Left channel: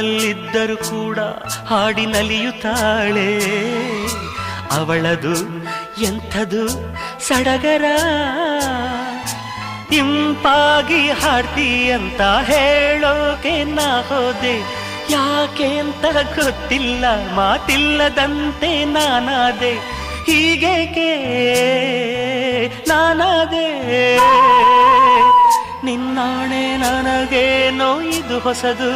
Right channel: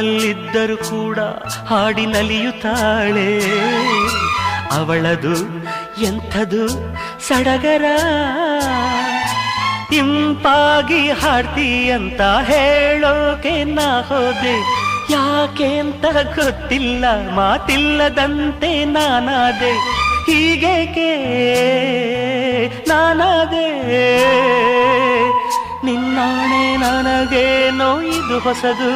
ಬಾಳಲ್ಲಿದ್ದರೂ ಕೂಡ ಹಾಡಿ ನಲಿಯುತ್ತಾಳೆ. ಅವಳದು ಎಂಥದು ಸಡಗರ, ಇಂಪಾಗಿ ಹಾಡ್ತೀಯಂತ ಹೇಳೋಕೆ ನಾ ಹೋದೆ. ಯಾಕೆ ಅಂತ ಗೊತ್ತಿಲ್ಲ, ಮಾತಿಲ್ಲದಂತೆ ನಾನಾದೆ. ಹೀಗೇಕೆ ನಾನಾದೆ, ನಿನ್ನಾಣೆ ನನಗೇನೋ ಇದು ಹೊಸದು.